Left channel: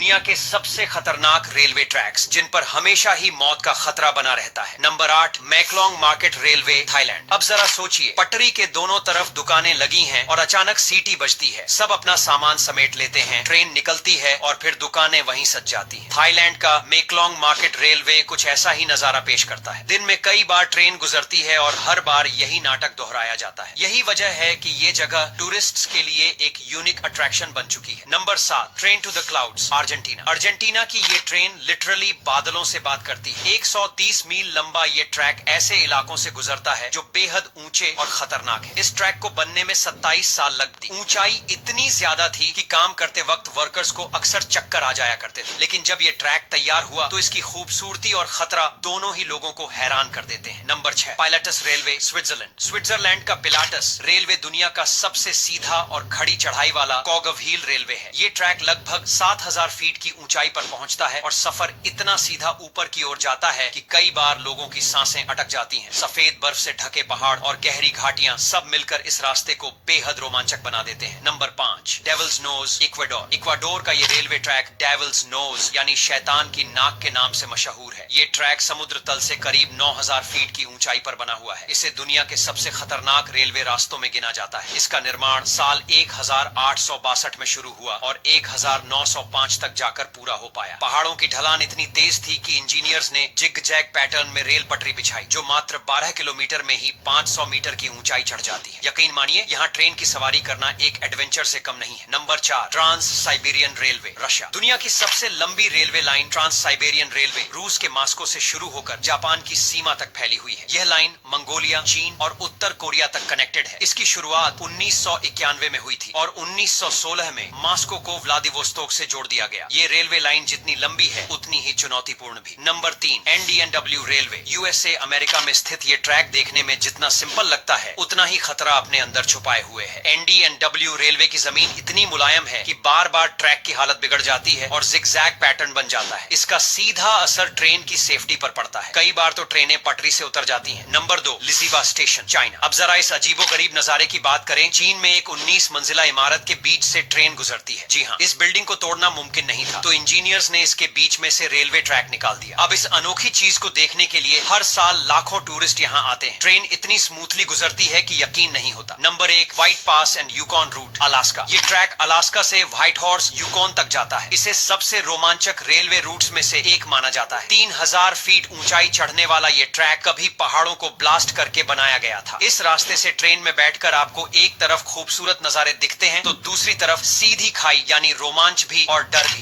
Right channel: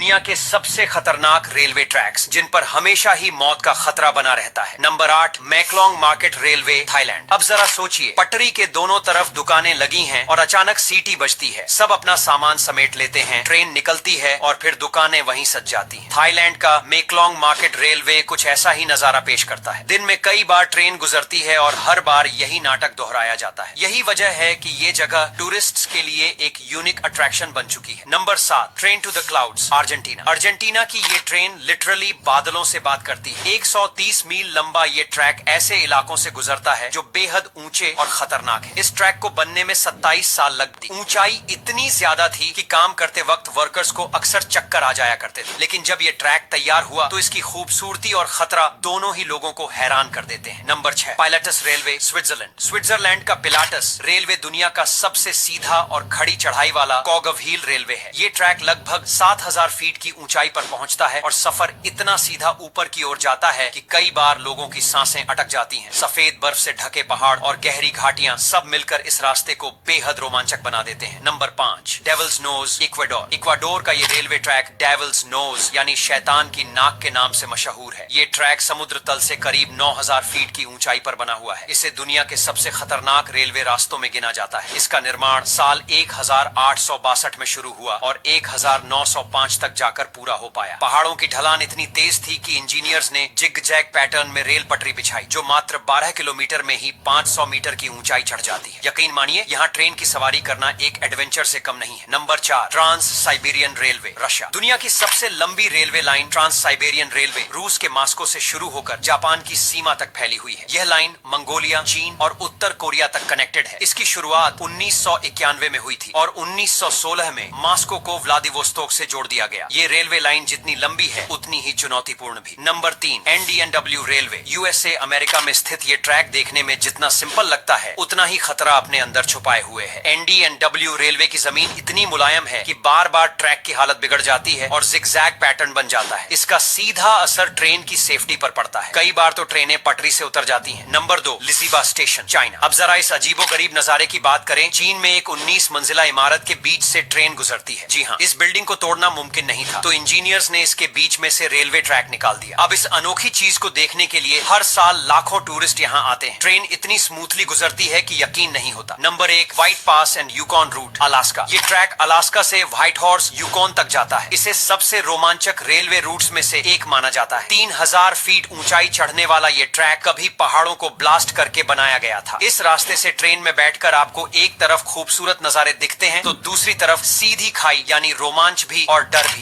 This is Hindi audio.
दुनिया के सबसे खतरनाक रेलवे ट्रैक्स जिन पर हमेशा ही मौत का खतरा बना रहता है। Number 8, मैकलोंग market railway, Thailand. अब जरा सोचिए, पटरी के दोनों तरफ दुकानें लगी हैं और अचानक सीटी बजती है। सब अपना सामान समेट लेते हैं, ट्रेन निकलती है और फिर दुकानें वहीं सज जाती हैं। थाईलैंड का मैकलोंग मार्केट रेलवे कुछ ऐसा ही नजारा पेश करता है। दिन में कई बार ट्रेन गुजरती है और हर बार यही नाटक दोहराया जाता है। यही वजह है कि ये जगह टूरिस्ट्स के लिए एक यूनिक अट्रैक्शन बन चुकी है। Number 7, train to the clouds, Argentina. Argentina की ये ट्रेन लिटरली बादलों से बात करती है। 130 मील लंबा ये ट्रैक ऐसे इलाकों से गुजरता है जो बेहद ऊंचे और खतरनाक है। इस ट्रैक को बनने में 27 साल लग दी। ऊंचाई इतनी ज्यादा थी कि काम करते वक्त वर्कर्स को अक्सर चक्कर आ जाया करते थे। लेकिन जब ये ट्रैक तैयार हुआ तो इसकी खूबसूरती और खतरा दोनों ही लोगों को हैरान कर देते हैं। Number 6, pilots railway, Switzerland. Switzerland का पिलाटस रेलवे दुनिया का सबसे सीधा और खड़ी चढ़ाई वाला कॉग ऑफ व्हील रेलवे है। ये ट्रैक लगभग 7000 फीट की ऊंचाई पर पहुंचता है और सफर इतना सीधा ऊपर की ओर जाता है कि कई बार लोगों की सांसें अटक जाती हैं। सफेद बर्फ से ढके पहाड़ और गहरी घाटियां सब मिलकर इस रास्ते को बेहद रोमांचक बना देते हैं। Number 5, devils knows, Ecuador. Ecuador का ये रेलवे ट्रैक डेविल्स नोज यानी शैतान की नाक के नाम से मशहूर है। ये ट्रैक समुद्र तल से करीब 9000 फीट की ऊंचाई पर बना हुआ है। इसे दुनिया के सबसे खतरनाक रेलवे रास्तों में गिना जाता है। इसका निर्माण साल 1862 में शुरू हुआ और 1905 तक जाकर पूरा हो पाया। पहाड़ों की ढलान इतनी तेज थी कि इंजीनियर्स ने जिग जैग पैटर्न में रेल पटरी बिछाई जो मात्र 12 किलोमीटर में ही 500 मीटर की ऊंचाई चढ़ जाती है। यकीन मानिए, यहाँ ट्रेन की सवारी करना एक एडवेंचर से कम नहीं है। Number 4, trans Siberian railway, Russia. दुनिया की सबसे लंबी railway line trans Siberian railway रूस के मास्को से शुरू होकर जापान की सीमा तक फैली हुई है। यह लाइन मंगोलिया, चीन और उत्तर कोरिया तक कनेक्टेड है। इसकी शुरुआत 1991 में हुई थी और 1916 में मास्को को व्लादिवोस्तोक से जोड़ दिया गया। ये रेलवे लाइन जितनी लंबी है उतनी ही चुनौतीपूर्ण भी। नंबर 3, एनडीएनडब्ल्यू रेलवे, यूएसए अमेरिका में स्थित ये ट्रैक देखने में जितना सिंपल लगता है उतना ही खतरा अपने अंदर छुपाए हुए है। एनडीएनडब्ल्यू रेलवे की जमीन इतनी मुलायम है कि बार बार ट्रैक की हालत बिगड़ जाती है और जिगजैग पैटर्न बन जाता है। इसका सीधा असर ट्रेन की सेफ्टी पर पड़ता है। कई बार तो ट्रेनें पटरी से उतर जाती हैं। Number 2, लिजिबा station, China. अब जरा इस अजीबोगरीब नजारे की बात करें। चीन में एक 19 मंजिला इमारत के बीच से ट्रेन गुजरती है। जी हाँ, इस बिल्डिंग को तोड़ना मुमकिन नहीं था, तो इंजीनियर्स ने इसके बीच में से रेलवे ट्रैक निकाल दिया। अब इस अनोखी चीज को देखने के लिए हर साल लाखों टूरिस्ट यहाँ आते हैं। ट्रेन इतनी स्मूथली गुजरती है कि यकीन नहीं होता। Number 1, white pass and Yukon root, Alaska. ये ट्रैक अलास्का से व्हाइट हॉर्स, यूकॉन तक जाता है। इसे सबसे रोमांचक रेलवे रूट्स में से एक माना जाता है। 3000 फीट ऊंचाई चढ़ने वाला ये ट्रैक कभी पहाड़ों को ब्लास्ट करके बनाया गया था। इस रास्ते से ट्रेन में बैठकर आपको एक तरफ खूबसूरत नजारे दिखते हैं तो दूसरी तरफ सीधी खाई यानी रोमांच भी और डर भी।